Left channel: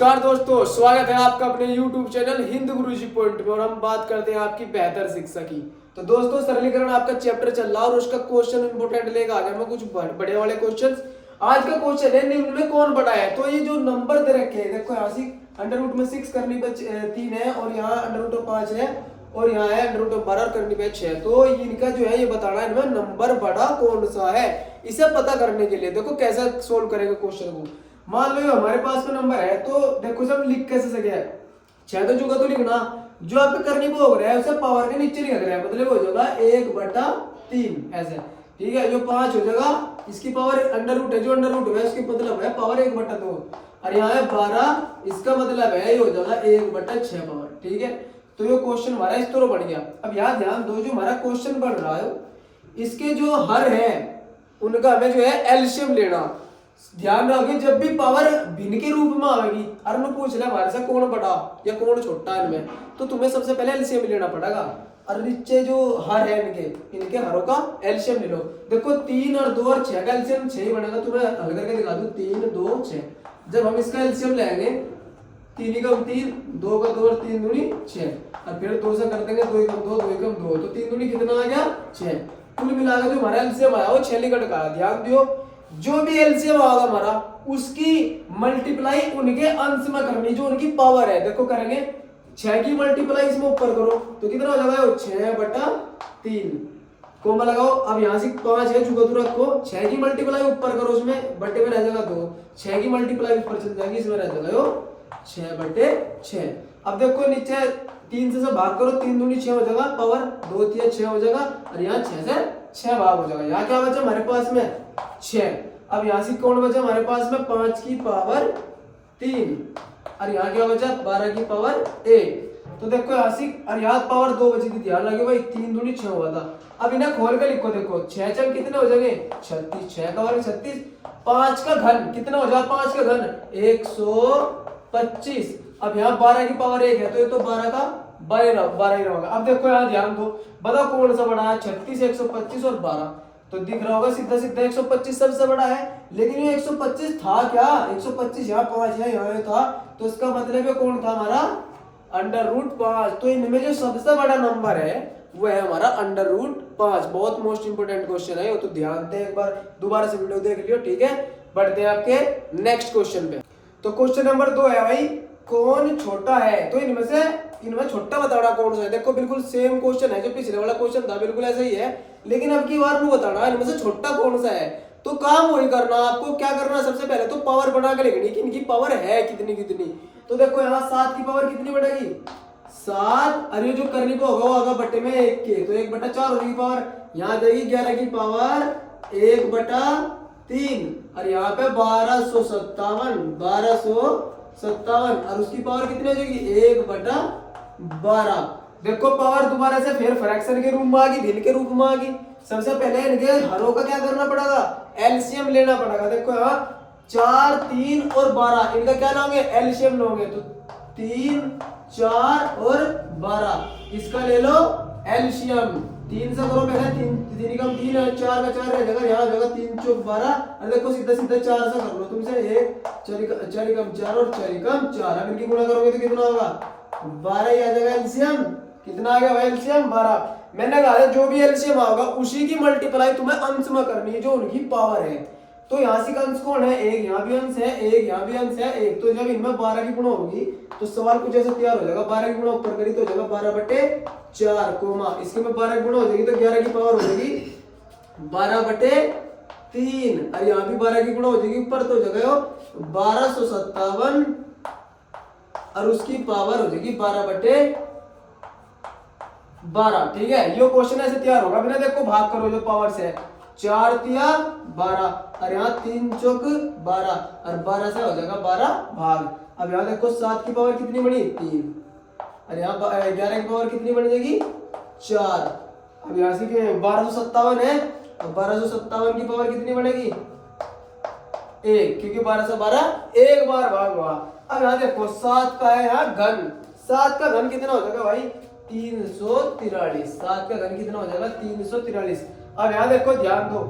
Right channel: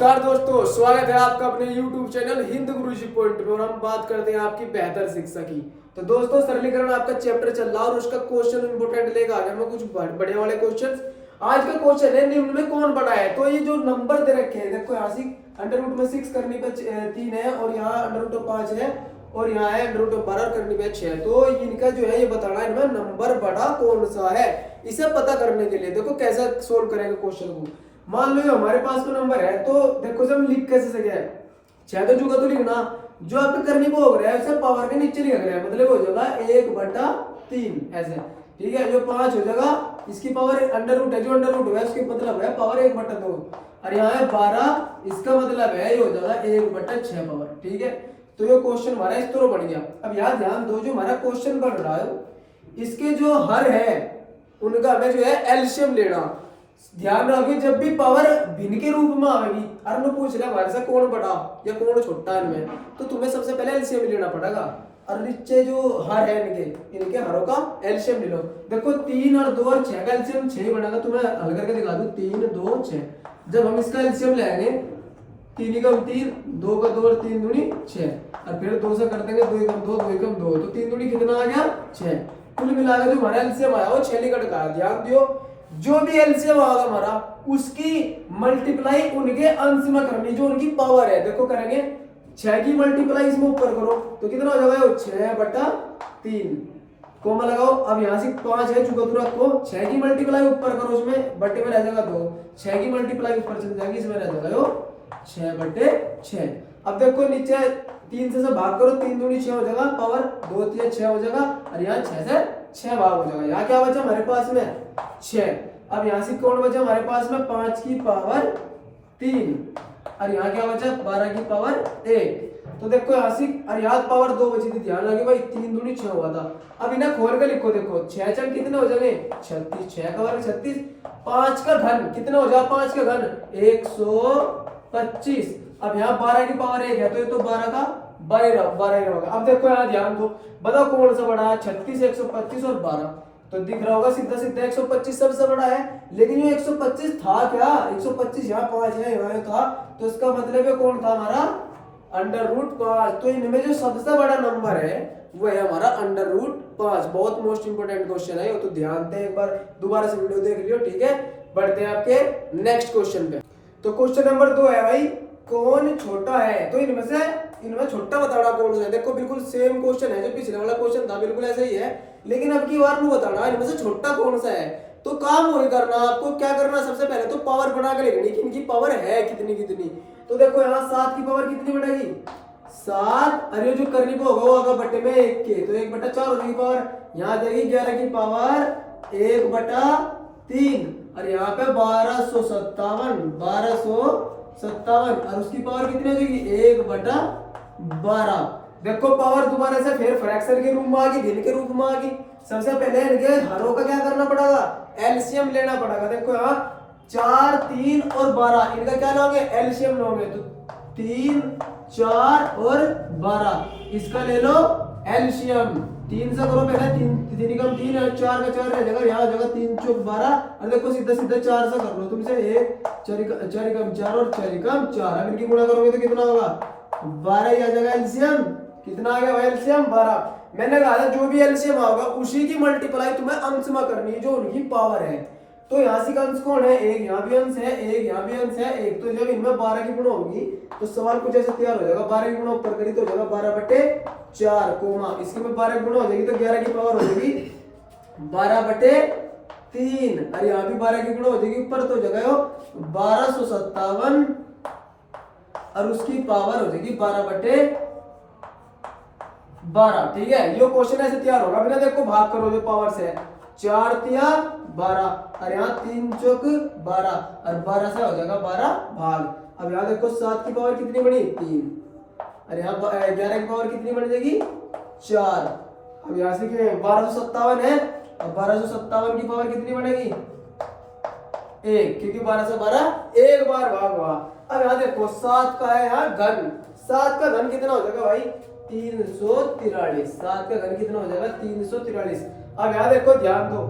नमस्कार दोस्तों, स्वागत है आपका अपने YouTube चैनल हिंद गुरुजी पॉइंट पे और हम बात करते हैं आपकी बेहतर शिक्षा की। तो दोस्तों, सरलीकरण आपका चैप्टर चल रहा है और उसका क्वेश्चन इंपोर्टेंट लेकर आ गया मैं कुछ बड़े वाले क्वेश्चंस। आज का क्वेश्चन है निम्न में कौन बड़ा है। तो ये जो नंबर दे रखे हैं, देखो यहाँ से अंडर रूट में 6 करने पे 3 है और यहाँ अंडर रूट 5 है और यहाँ है अंडर रूट 12 करने पे 6। तो इनका जो है ये बताना है इनमें नंबर बड़ा कौन सा है। इसे पता करने के लिए देखो कैसे सोल्व करेंगे क्वेश्चन को। मान लो हमारे पास में नंबर है, तो देखो से हम लिख कैसे सके है 6 तो जुगा तो लिखना जो आपका करनी को हो रहा है उसे पावर के नीचे लिख रहा है, मतलब हो जाएगा 1/3 ऐसे। ठीक है, जो 5 हो जाएगा इसकी पावर अंडर रूट है, जो अंडर रूट है उसकी मतलब है पावर 1/2 और यहाँ है 12, इसका मतलब है ये हो जाएगा 1/6 पावर। ठीक है, तो ये क्वेश्चन हमारा इस तरह बन गया। अब यहाँ ध्यान दो, जो हमारा क्वेश्चन बन रहा है इसके जो हर है उनका हमें जो है एलसीएम लेना। ध्यान रखिए, जब भी पावर भिन्न के रूप में आएगी और मैं पूछ रहा हमारे से कौन बड़ा या कौन छोटा इनमें, तो तुम्हें सबसे पहले एलसीएम लेना पड़ेगा और नीचे जो हर है इनके हरों का एलसीएम ले लो। देखो 3 और 2 और 6 का एलसीएम 6 बनेगा। तुम्हें हल करके दिखा दूं 3 2 6। जब हम इसका एलसीएम लेंगे 3 कम 3, 2 का 2 और 3 दूनी 6 और फिर 2 से कर देंगे 2 कम 2, 2 कम 2, तो 3 दूनी कितना आ गया 6। कुल मिलाकर जो हमारा एलसीएम आया वो 6 निकट का। ध्यान दियो, जो भी एलसीएम आएगा हमारा उसकी मल्टीप्लाई उनके अंश में करनी, जो उनकी पावर है। देखो करेंगे 6 की मल्टीप्लाई इसमें ऊपर करो तो कितना हो जाएगा 6/3 कोमा लगाओ। अब यहाँ से 5 है चुका तुरंत को 6 की मल्टीप्लाई ऊपर करो, उसमें बट्टे में रह जाएगा 2, 6 की मल्टीप्लाई ऊपर चल जाएगी, इसमें रह जाएगा 6/6। अब देखो नीचे 3 से भाग करो, 3 दूनी 6 हो जाएगा, पावर 2 3 6 हो जाएगा और यहाँ 6 से 6 भाग हो जाएगा। यहाँ क्या बचा हमारे पास में 6। अब यहाँ से कौन बचा हमारे पास में 5 की पावर 3 और यहाँ क्या बचा 12 की पावर 1। तो देखो यहाँ से और यहाँ पावर 2 बची थी। ध्यान रखिए भाई 3 दूनी 6 हुआ था। अब इन्हें खोल के लिखो, देखो 6 चल कितने हो जाएंगे 36, 6 का वर्ग 36, 5 का घन कितना हो जाएगा 5 का घन 125। अब यहाँ 12 की पावर 1 है तो ये तो 12 का 12 ही होगा। अब देखो यहाँ ध्यान दो, बताओ कौन सा बड़ा है 36, 125 और 12। तो दिख रहा होगा सीधा सीधा 125 सबसे बड़ा है, लेकिन ये 125 था क्या 125 यहाँ 5 है यहाँ था, तो इसका मतलब है कौन था हमारा अंडर रूट 5। तो इनमें जो सबसे बड़ा नंबर है वो है हमारा अंडर रूट 5। बहुत मोस्ट इंपोर्टेंट क्वेश्चन है, तो ध्यान दें, एक बार दोबारा से वीडियो देख लियो। ठीक है, बढ़ते हैं आपके नेक्स्ट क्वेश्चन पे। तो क्वेश्चन नंबर 2 है भाई कौन छोटा है। तो इनमें छोटा बताना कौन सा है। देखो बिल्कुल सेम क्वेश्चन है जो पिछले वाला क्वेश्चन था, बिल्कुल ऐसा ही है, लेकिन अब की बार नहीं बताना इनमें से छोटा कौन सा है। तो काम वही करना, आपको क्या करना सबसे पहले तो पावर बना के लिखनी कि इनकी पावर है कितनी कितनी। तो देखो यहाँ 7 की पावर कितनी बढ़ेगी 7, अरे जो करनी पे होगा वो होगा बट्टे में 1 के, तो 1/4 हो जाएगी पावर। यहाँ आ जाएगी 11 की पावर 1/3 और यहाँ पे 1257 और उसकी पावर कितनी हो जाएगी 1/12। देखो पावर दोबारा से फिर फ्रैक्शन के रूप में आ गई, भिन्न के रूप में आ गई। सबसे पहले इनके हरों का क्या करना पड़ेगा एलसीएम लेना पड़ेगा। देखो यहाँ 4 3 और 12 इनका क्या लोगे एलसीएम लोगे, तो 3 4 और 12 इसका ले लो एलसीएम। 3 से करो पहले 3 कम 3 और 4 का 4 रह जाएगा, यहाँ हो जाएगा 3 चौक 12 और देखो सीधा सीधा 4 से कर लो तुमसे 1 4 कम 4 और 4 कम 4। अब इनकी गुणा करोगे तो कितना होगा 12 ही आ जाएगा एलसीएम। कितना आ गया भाई एलसीएम 12। मैंने कहा था जो भी एलसीएम आएगा उसी की मल्टीप्लाई तुम्हें अंश में करनी है जो उनकी पावर है। तो यहाँ से अंश कौन है 1 यहाँ भी अंश है 1 यहाँ भी अंश है 1, तो जब इनमें 12 की गुणा होगी तो सवाल कुछ ऐसा तैयार हो जाएगा। 12 की गुणा ऊपर करी तो हो जाएगा 12/4 कोमा, इसके में 12 की गुणा हो जाएगी तो 11 की पावर हो जाएगी 12/3 और यहाँ भी 12 की गुणा हो जाएगी ऊपर तो हो जाएगा 1257 और उसकी पावर हो जाएगी 12/12। ठीक है, ये क्वेश्चन ऐसे तैयार होगा। बिना देखो भाग करो जो पावर से 4 तिया 12 और यहाँ 3 चौक 12 और 12 से हो जाएगा 12 भाग। अब यहाँ देखो 7 की पावर कितनी बनी 3 और यहाँ 11 की पावर कितनी बन जाएगी 4। अब यहाँ से 1257 है और 1257 की पावर कितनी बनेगी 1, क्योंकि 12 से 12 एक बार भाग हुआ। अब यहाँ देखो 7 का है यहाँ घन, 7 का घन कितना हो जाएगा भाई 343। 7 का घन कितना हो जाएगा 343। अब यहाँ देखो ध्यान दो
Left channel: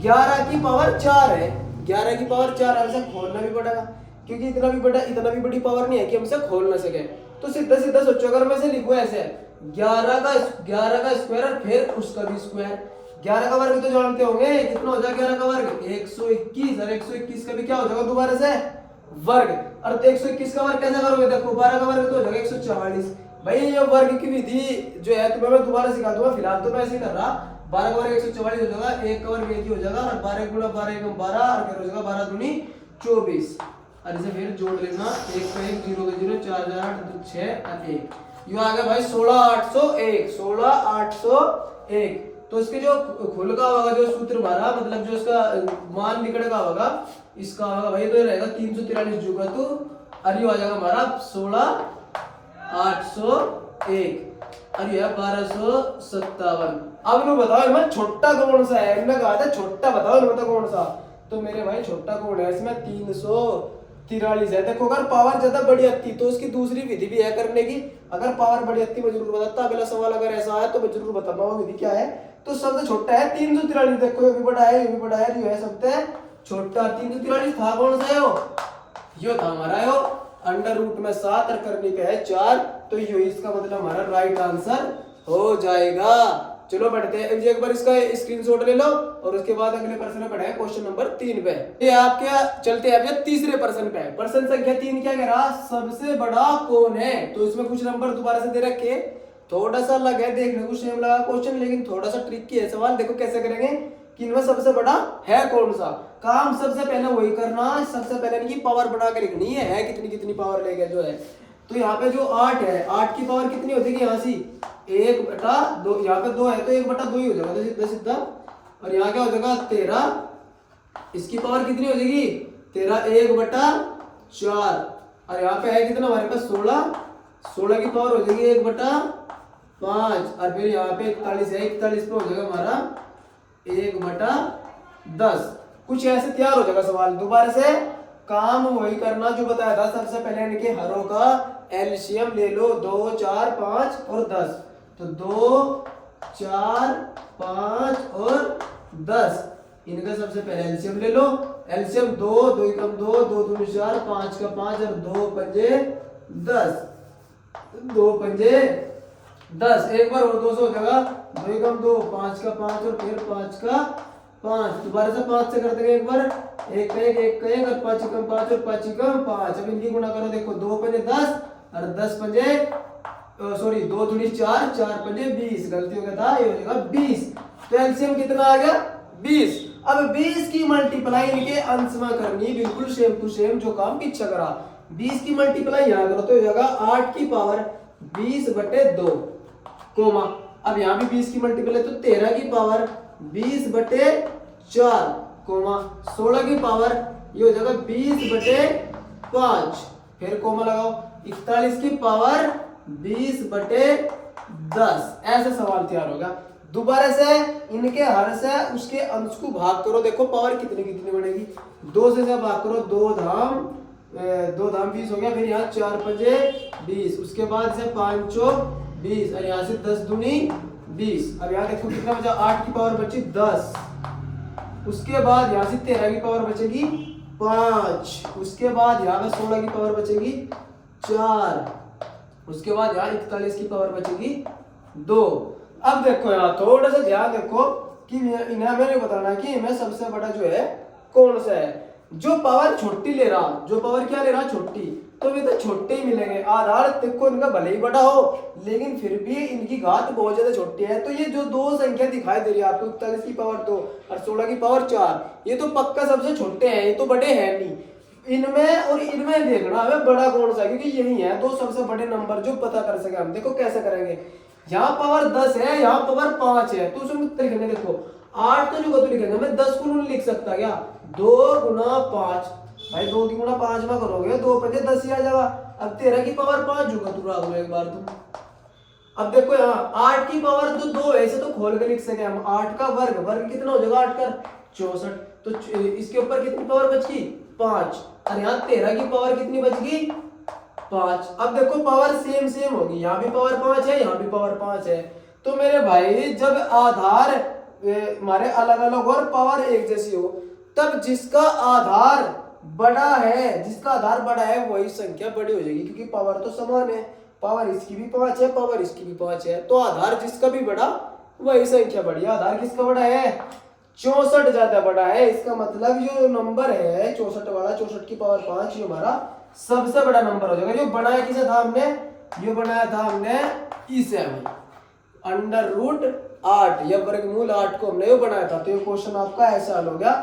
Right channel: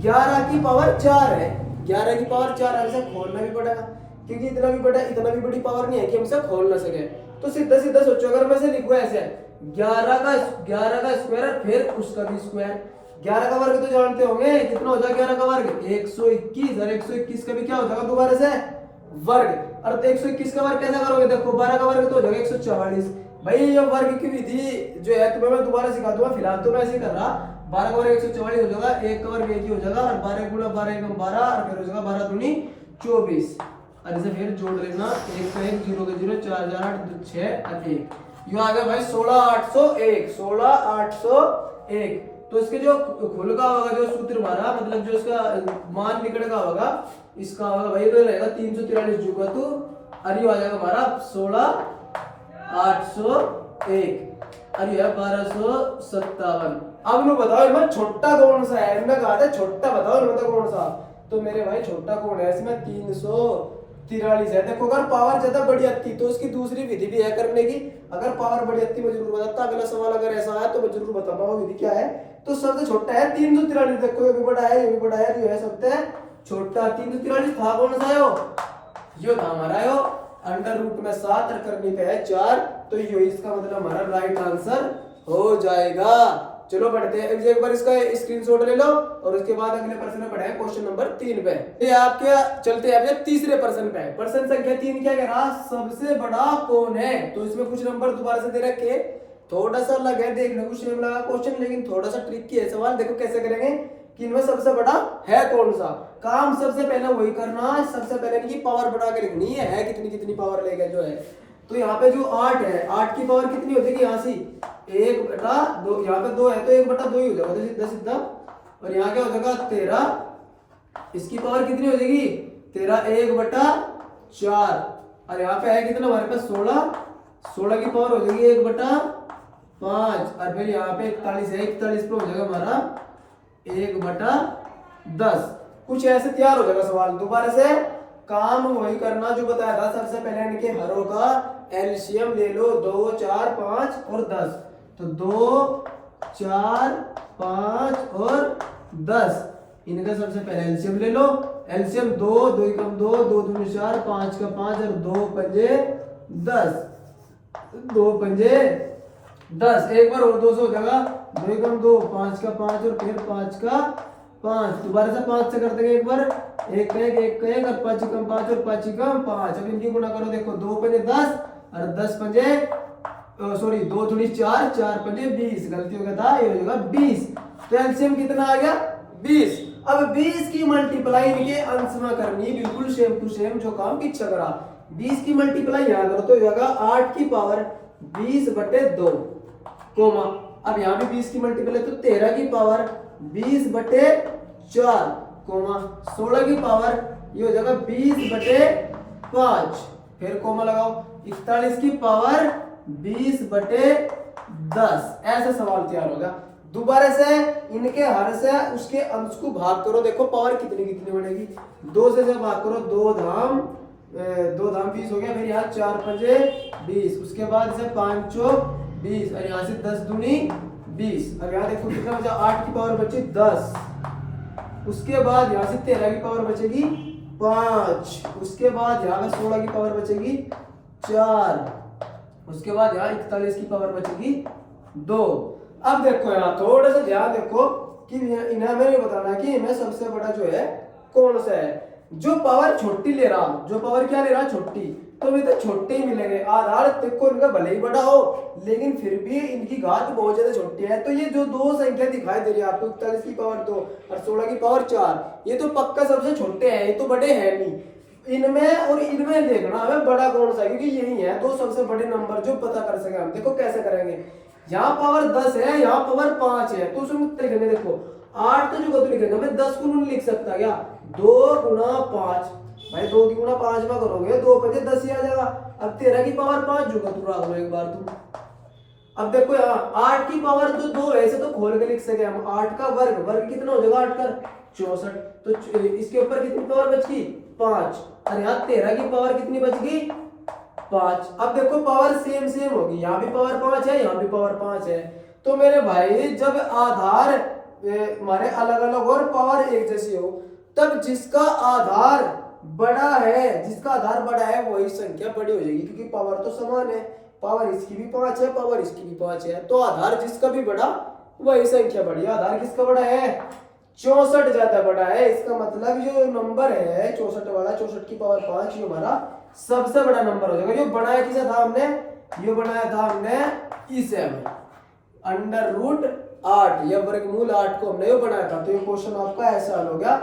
11 की पावर 4 है, 11 की पावर 4 ऐसे खोलना भी पड़ेगा क्योंकि इतना भी बड़ी पावर नहीं है कि हमसे खोल ना सके। तो सीधा सीधा सोचो, अगर मैं इसे लिखूं ऐसे 11 का स्क्वायर और फिर उसका भी स्क्वायर। 11 का वर्ग तो जानते होंगे कितना हो जाएगा, 11 का वर्ग 121, और 121 का भी क्या हो जाएगा दोबारा से वर्ग। और 121 का वर्ग कैसे करोगे, देखो 12 का वर्ग तो हो जाएगा 144। भाई ये वर्ग की विधि जो है तुम्हें मैं दोबारा सिखा दूंगा, फिलहाल तो मैं ऐसे ही कर रहा। 12 का वर्ग 144 हो जाएगा, 1 का वर्ग 1 ही हो जाएगा, और 12 गुणा 12 एकम 12, और फिर हो जाएगा 12 दूनी 24। और इसे फिर जोड़ लेना, 1 का 1, 0 का 0, 4 4 8 6 और 1, यूं आ गया भाई 16801। 16801। तो इसके जो खुल का होगा, जो सूत्र हमारा मतलब जो इसका मान निकल का होगा, इसका होगा भाई तो रहेगा 343 जुगा तो, और ये आ जाएगा हमारा 16801, और ये 1257। अब नो बताओ इनमें छोटा कौन सा है, इनमें कहा था छोटा बताओ इनमें तो कौन सा। तो मेरे भाई छोटा कौन है इसमें, 343 है। देखो अगर पावर ज्यादा बड़ी आती तो उसकी दूसरी विधि भी है करने की। अगर पावर बड़ी आती मैं जरूर बताता, अगला सवाल अगर ऐसा है तो मैं जरूर बताऊंगा वो विधि क्या है। तो सबसे छोटा है 343। देखो ये भी बड़ा है, ये भी बड़ा है, जो है सबसे छोटा 343 था कौन सा है वो, यो था हमारा यो अंडर रूट में 7 और करने पे है 4, तो यो इसका मतलब हमारा राइट आंसर हो जाएगा। चलो बढ़ते हैं, एक बार इसका स्क्रीनशॉट ले लो और उसके बाद अगले प्रश्न में बढ़े क्वेश्चन नंबर 3 पे। ये आपके चलते हैं तीसरे प्रश्न पे। प्रश्न संख्या 3 क्या कह रहा, सबसे बड़ा कौन है। तो इसमें कुछ नंबर दोबारा से दे रखे, थोड़ा सा अलग है, देखने को सेम लगा क्वेश्चन, लेकिन थोड़ा सा ट्रिकी है सवाल। देखो कैसे करेंगे कि इनमें सबसे बड़ा है कौन सा। काम सबसे पहले वही करना है, सबसे पहले इनकी पावर बढ़ा के लिखनी है कितनी कितनी पावर लेके जो है। तो यहाँ पे जो 8 है, 8 की पावर कितनी हो जाएगी, यहाँ से 1/2, यहाँ पे 2 है तो 1/2 ही हो जाएगा, तो सीधा सीधा। और यहाँ क्या हो जाएगा 13, इसकी पावर कितनी हो जाएगी 13, 1/4। और यहाँ पे है कितना हमारे पास 16, 16 की पावर हो जाएगी 1/5। और फिर यहाँ पे 41 है, 41 पे हो जाएगा हमारा 1/10। कुछ ऐसे तैयार हो जाएगा सवाल। दोबारा से काम वही करना जो बताया था, सबसे पहले इनके हरों का एलसीएम ले लो, 2 4 5 और 10। तो 2 4 5 और 10, इनका सबसे पहले एलसीएम ले लो। एलसीएम 2 2 कम 2, 2 दूनी 4, 5 का 5 और 2 पंजे 10, 2 पंजे 10। एक बार और 2 से हो जाएगा, 2 कम 2, 5 का 5 और फिर 5 का 5। दोबारा से 5 से कर देंगे एक बार, 1 का 1, 1 का 1 और 5 कम 5 और 5 कम 5। अब इनकी गुणा करो, देखो 2 पंजे 10 और 10 पंजे सॉरी 2 दूनी 4, 4 पंजे 20, गलती हो गया था, ये हो जाएगा 20। तो एलसीएम कितना आ गया 20। अब 20 की मल्टीप्लाई इनके अंश में करनी, बिल्कुल सेम टू सेम जो काम पीछे करा। 20 की मल्टीप्लाई यहाँ करो तो हो जाएगा 8 की पावर 20/2 कोमा। अब यहाँ भी 20 की मल्टीप्लाई तो 13 की पावर 20/4 कोमा, 16 की पावर ये हो जाएगा 20/5, फिर कोमा लगाओ, 41 की पावर 20/10। ऐसा सवाल तैयार होगा। दोबारा से इनके हर से उसके अंश को भाग करो, देखो पावर कितनी कितनी बढ़ेगी। 2 से भाग करो, 2 धाम 20 हो गया, फिर यहाँ 4 पंजे 20, उसके बाद से 5 चौक 20 और यहाँ से 10 दूनी 20। अब यहाँ देखो कितना बचा, 8 की पावर बची 10, उसके बाद यहाँ से 13 की पावर बचेगी 5, उसके बाद यहाँ पे 16 की पावर बचेगी 4, उसके बाद यहाँ 41 की पावर बचेगी 2। अब देखो यहाँ थोड़ा सा ध्यान देखो कि इन्हें मैंने बताना है कि इनमें सबसे बड़ा जो है कौन सा है। जो पावर छोटी ले रहा, जो पावर क्या ले रहा छोटी, तो अभी तो छोटे ही मिलेंगे। आधार देखो इनका भले ही बड़ा हो लेकिन फिर भी इनकी घात बहुत ज्यादा छोटी है। तो ये जो दो संख्या दिखाई दे रही है आपको, 41 की पावर 2 और 16 की पावर 4, ये तो पक्का सबसे छोटे हैं, ये तो बड़े हैं नहीं। इनमें और इनमें देखना हमें बड़ा कौन सा है, क्योंकि यही है दो सबसे बड़े नंबर जो पता कर सके हम। देखो कैसे करेंगे, यहाँ पावर 10 है, यहाँ पावर 5 है, तो उसमें लिखेंगे देखो 8 तो जो लिखेंगे मैं 10 को नहीं लिख सकता क्या, 2 गुना 5 भाई, 2 की गुना 5 में करोगे 2 पंजे 10 ही आ जाएगा। अब 13 की पावर 5 जुगा तू रहा एक बार तुम। अब देखो यहाँ 8 की पावर तो 2 ऐसे तो खोल के लिख सके हम। 8 का वर्ग, वर्ग कितना हो जाएगा 8 का 64, तो इसके ऊपर कितनी पावर बच गई 5, और यहाँ 13 की पावर कितनी बच गई 5। अब देखो पावर सेम सेम होगी, यहाँ भी पावर 5 है, यहाँ भी पावर 5 है। तो मेरे भाई जब आधार हमारे अलग अलग और पावर एक जैसी हो, तब जिसका आधार बड़ा है, जिसका आधार बड़ा है वही संख्या बड़ी हो जाएगी, क्योंकि पावर तो समान है, पावर इसकी भी 5 है, पावर इसकी भी 5 है, तो आधार जिसका भी बड़ा वही संख्या बड़ी है। आधार किसका बड़ा है? 64 ज्यादा बड़ा है। इसका मतलब जो नंबर है 64 वाला, 64 की पावर 5, ये हमारा सबसे बड़ा नंबर हो जाएगा। जो बनाया किसे था हमने? ये बनाया था हमने इसे, अंडर रूट 8 या वर्गमूल 8 को हमने ये बनाया था। तो ये क्वेश्चन आपका ऐसा हल हो गया।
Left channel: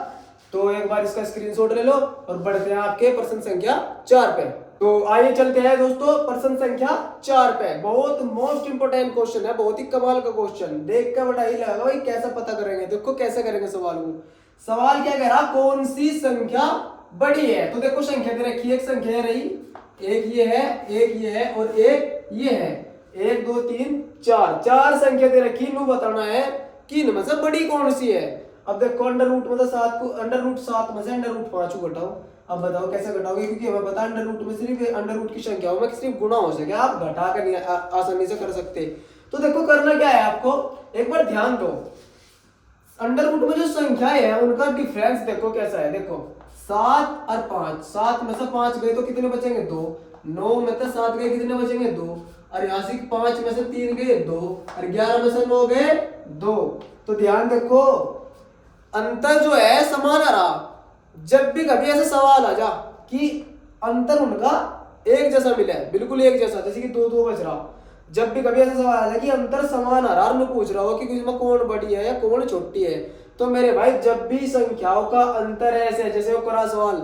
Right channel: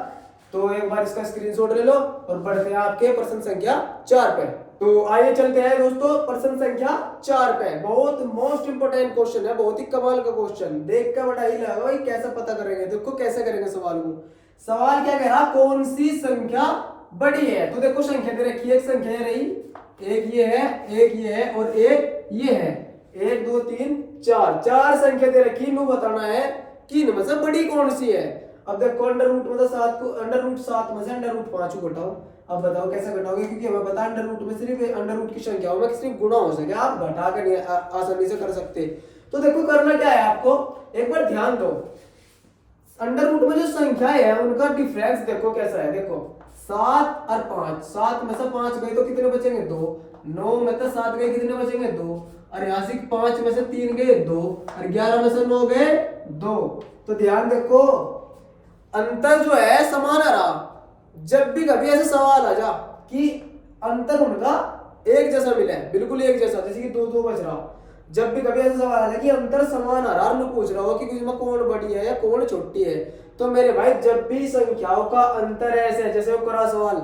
तो एक बार इसका स्क्रीनशॉट ले लो और बढ़ते हैं आपके प्रश्न संख्या 4 पे। तो आइए चलते हैं दोस्तों प्रश्न संख्या 4 पे। बहुत मोस्ट इंपोर्टेंट क्वेश्चन है, बहुत ही कमाल का क्वेश्चन, देख कर बड़ा ही लगा भाई कैसे पता करेंगे। देखो कैसे करेंगे सवाल को। सवाल क्या कह रहा? कौन सी संख्या बड़ी है? तो देखो संख्या दे रखी है, एक संख्या रही, एक ये है, एक ये है और एक ये है, 1 2 3 4, 4 संख्या दे रखी। इनको बताना है कि इनमें से बड़ी कौन सी है। अब देखो अंडर रूट में तो 7 को, अंडर रूट 7 में से अंडर रूट 5 को घटाओ। अब बताओ कैसे घटाओगे, क्योंकि हमें पता है अंडर रूट में सिर्फ अंडर रूट की संख्याओं में सिर्फ गुणा हो सके, आप घटा के नहीं आसानी से कर सकते। तो देखो करना क्या है आपको, एक बार ध्यान दो। अंडर रूट में जो संख्या है उनका डिफरेंस देखो कैसा है। देखो 7 और 5, 7 में से 5 गए तो कितने बचेंगे? 2। 9 में से 7 गए कितने बचेंगे? 2। और यहाँ से 5 में से 3 गए 2 और 11 में से 9 गए 2। तो ध्यान देखो अंतर जो है समान आ रहा। जब भी कभी ऐसे सवाल आ जा कि अंतर उनका एक जैसा मिला है, बिल्कुल एक जैसा, जैसे कि 2 2 बच रहा, जब भी कभी ऐसा सवाल आ जाए कि अंतर समान आ रहा और मैं पूछ रहा हूँ कि इसमें कौन बड़ी है या कौन छोटी है, तो मेरे भाई जब भी संख्याओं का अंतर ऐसे जैसे वो करा सवाल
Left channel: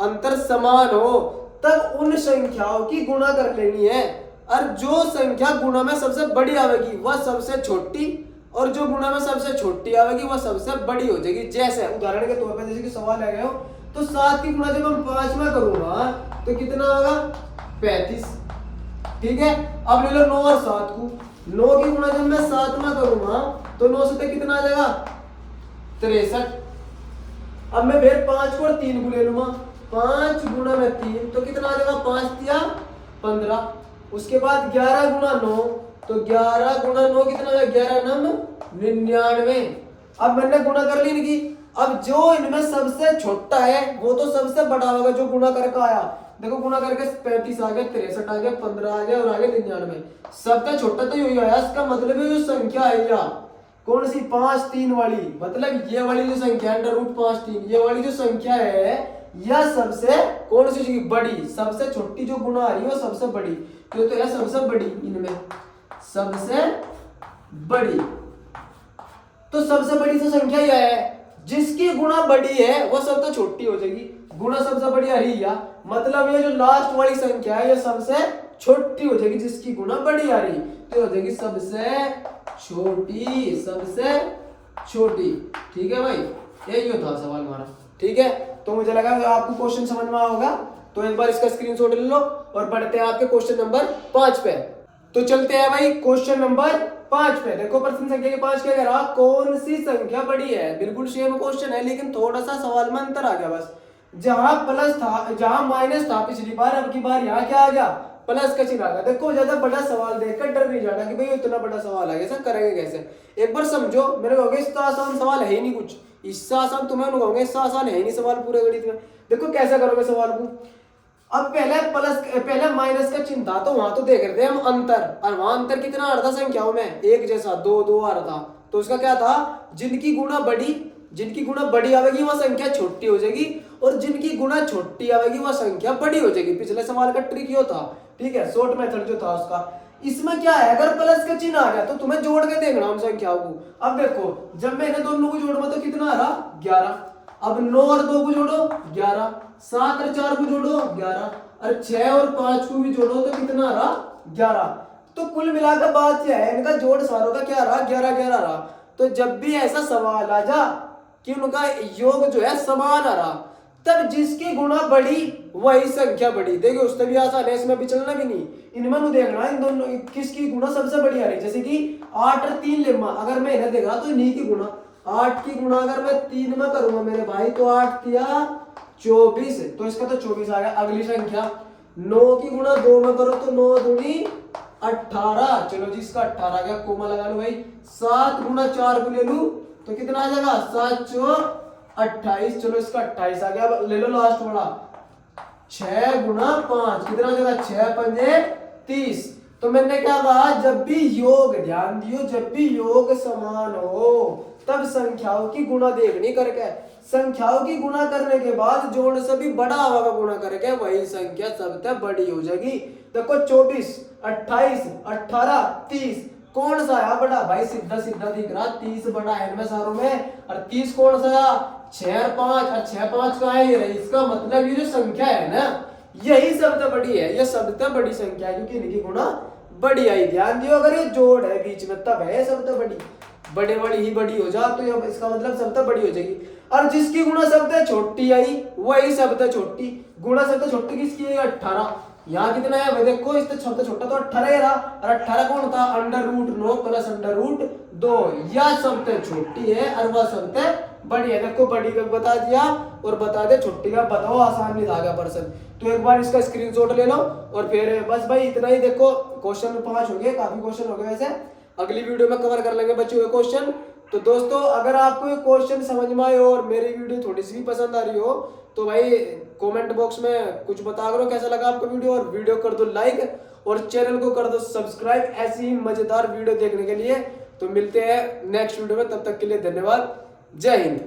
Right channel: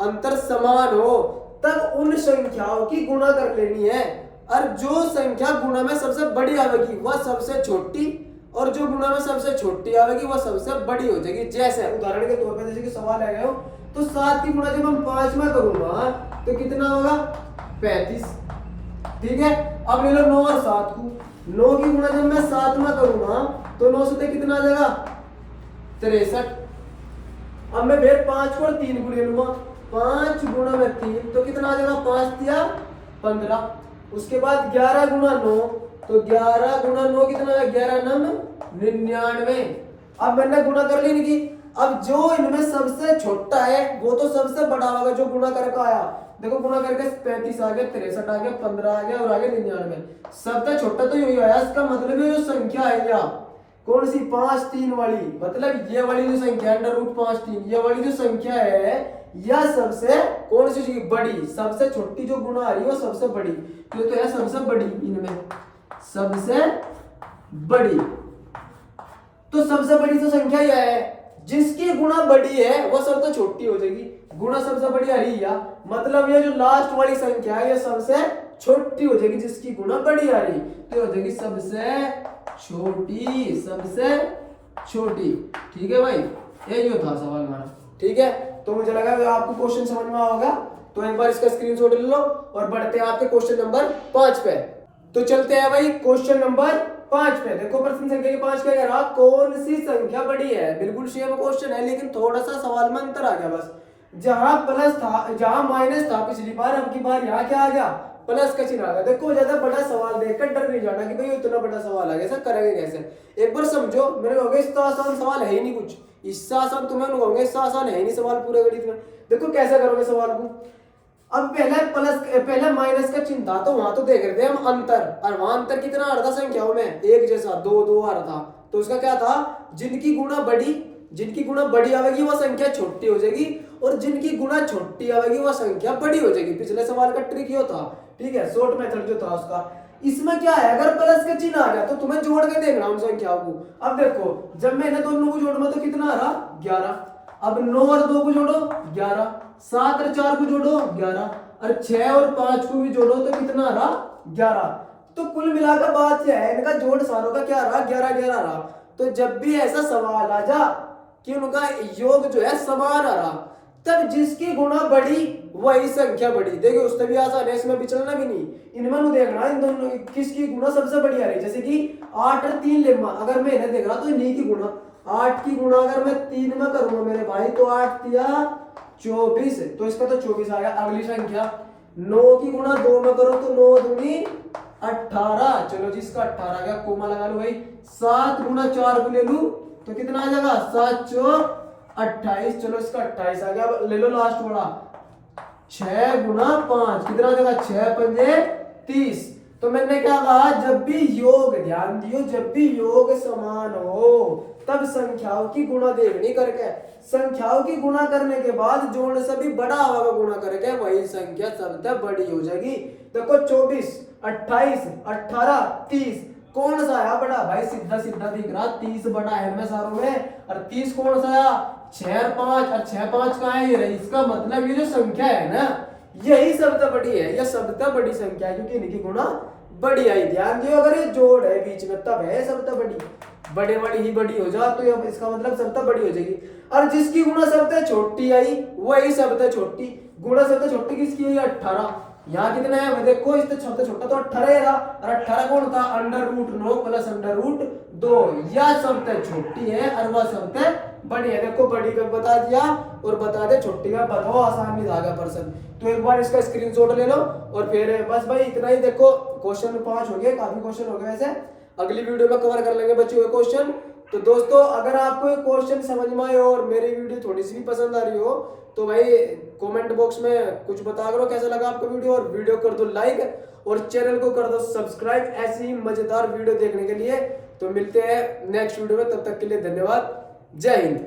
अंतर समान हो तब उन संख्याओं की गुणा कर लेनी है। और जो संख्या गुणा में सबसे बड़ी आवेगी वह सबसे छोटी, और जो गुणा में सबसे छोटी आवेगी वह सबसे बड़ी हो जाएगी। जैसे उदाहरण के तौर पर जैसे कि सवाल आ गया हो तो 7 की गुणा जब हम 5 में करूंगा तो कितना होगा? 35। ठीक है, अब ले लो 9 और 7 को, 9 की गुणा जब मैं 7 में करूंगा तो 9 से कितना आ जाएगा? 63। अब मैं फिर 5 को और 3 को ले लूंगा, 5 गुणा में 3 तो कितना आ जाएगा? 5 या 15। उसके बाद 11 गुणा 9 तो 11 गुणा 9 कितना है? 11 9 99। अब मैंने गुणा कर ली इनकी। अब जो इनमें सबसे छोटा है वो तो सबसे बड़ा होगा जो गुणा करके आया। देखो गुणा करके 35 आ गया, 63 आ गया, 15 आ गया और आगे 99। सबसे छोटा तो यही आया। इसका मतलब है जो संख्या है या कौन सी? 5 3 वाली, मतलब ये वाली जो संख्या है अंडर रूट 5 3, ये वाली जो संख्या है या सबसे कौन सी चीज बड़ी? सबसे छोटी जो गुणा आ रही है वो सबसे बड़ी, तो है सबसे बड़ी, इनमें सबसे बड़ी। तो सबसे बड़ी तो संख्या यह है, जिसकी गुणा बड़ी है वो सबसे छोटी हो जाएगी। गुणा सबसे बड़ी आ रही है, मतलब ये जो लास्ट वाली संख्या है ये सबसे छोटी हो जाएगी, जिसकी गुणा बड़ी आ रही तो हो जाएगी सबसे छोटी, सबसे छोटी। ठीक है भाई, यही था सवाल हमारा। ठीक है, तो मुझे लगा आपको क्वेश्चन समझ में होगा। तो एक बार इसका स्क्रीनशॉट ले लो और बढ़ते हैं आपके क्वेश्चन नंबर 5 पे। तो चलते हैं भाई क्वेश्चन नंबर 5 पे। देखो प्रश्न संख्या के 5 क्या कह रहा? कौन सी संख्या बड़ी है? बिल्कुल सेम क्वेश्चन है लेकिन थोड़ा सा सवाल में अंतर आ गया बस। जहां प्लस था, जहां माइनस था पिछली बार, अब की बार यहाँ क्या आ गया? प्लस का चिन्ह आ गया। देखो ज्यादा बड़ा सवाल देखकर डर नहीं जाना कि भाई इतना बड़ा सवाल आ गया, सर करेंगे कैसे। एक बार समझो, मेरे कहोगे इसका आसान सवाल है ही नहीं कुछ, इससे आसान तुम्हें कहोगे इससे आसान है ही नहीं सवाल पूरे गणित में। देखो कैसे करोगे सवाल को। अब पहले माइनस का चिन्ह था तो वहां तो देख रहे थे हम अंतर, और वहां अंतर कितना आ रहा था संख्याओं में? एक जैसा 2 2 आ रहा था। तो उसका क्या था? जिनकी गुणा बड़ी आवेगी वह संख्या छोटी हो जाएगी, और जिनकी गुणा छोटी आवेगी वह संख्या बड़ी हो जाएगी। पिछले सवाल का ट्रिक ये था। ठीक है, शॉर्ट मेथड जो था उसका। इसमें क्या है, अगर प्लस का चिन्ह आ गया तो तुम्हें जोड़ के देखना उन संख्याओं को। अब देखो जब मैं इन्हें दोनों को जोड़ूंगा तो कितना आ रहा? 11। अब 9 और 2 को जोड़ो 11, 7 और 4 को जोड़ो 11, और 6 और 5 को भी जोड़ो तो कितना आ रहा? 11। तो कुल मिलाकर बात क्या है, इनका जोड़ सारों का क्या रहा? 11 11 रहा। तो जब भी ऐसा सवाल आ जा कि उनका योग जो है समान आ रहा, तब जिसकी गुणा बड़ी वही संख्या बड़ी। देखो उससे भी आसान है, इसमें भी चलना भी नहीं। इनमें नहीं देखना इन दोनों किसकी गुणा सबसे बड़ी आ रही। जैसे कि 8 और 3 लेमा, अगर मैं इन्हें देख रहा तो इन्हीं की गुणा, 8 की गुणा अगर मैं 3 में करूंगा मेरे भाई तो 8 तिया 24, तो इसका तो 24 आ गया। अगली संख्या 9 की गुणा 2 में करो तो 9 दूनी 18, चलो जी इसका 18 आ गया, कोमा लगा लो भाई। 7 गुणा 4 को ले लू तो कितना आ जाएगा? 7 4 28, चलो इसका 28 आ गया। अब ले लो लास्ट वाला, 6 गुना 5 कितना देगा, 6 पंजे 30। तो मैंने क्या कहा, जब भी योग, ध्यान दियो, जब भी योग समान हो तब संख्याओं की गुणा देखनी करके, संख्याओं की गुणा करने के बाद जोड़ से भी बड़ा होगा गुणा करके वही संख्या सबसे बड़ी हो जाएगी। देखो 24, 28, 18, 30 कौन सा है बड़ा भाई, सीधा सीधा दिख रहा, 30 बड़ा है इनमें सारों में। और 30 कौन सा है, 6 और 5, और 6 5 का है ये रही। इसका मतलब ये जो संख्या है ना, यही सबसे बड़ी है, यह सबसे बड़ी संख्या है क्योंकि इनकी गुणा बड़ी आई। ध्यान दियो, अगर ये जोड़ है बीच में तब है सबसे बड़ी, बड़े वाली ही बड़ी हो जा तो ये इसका मतलब सबसे बड़ी हो जाएगी। और जिसकी गुणा सबसे छोटी आई वही सबसे छोटी, गुणा सबसे छोटी किसकी, 18। यहाँ कितना है देखो, इससे सबसे छोटा तो 18 है, और 18 कौन था, √9 प्लस √2, यह सबसे छोटी है और वह सबसे बड़ी है। देखो बड़ी का बता दिया और बता दे छोटी का बताओ, आसान नहीं था पर्सन। तो एक बार इसका स्क्रीनशॉट ले लो और फिर बस भाई इतना ही। देखो क्वेश्चन 5 हो गए, काफी क्वेश्चन हो गए वैसे, अगली वीडियो में कवर कर लेंगे बच्चों के क्वेश्चन। तो दोस्तों अगर आपको ये क्वेश्चन समझ में आए और मेरी वीडियो थोड़ी सी भी पसंद आ रही हो तो भाई कमेंट बॉक्स में कुछ बता करो कैसा लगा आपको वीडियो, और वीडियो कर दो लाइक और चैनल को कर दो सब्सक्राइब ऐसी ही मजेदार वीडियो देखने के लिए। तो मिलते हैं नेक्स्ट वीडियो में, तब तक के लिए धन्यवाद, जय हिंद।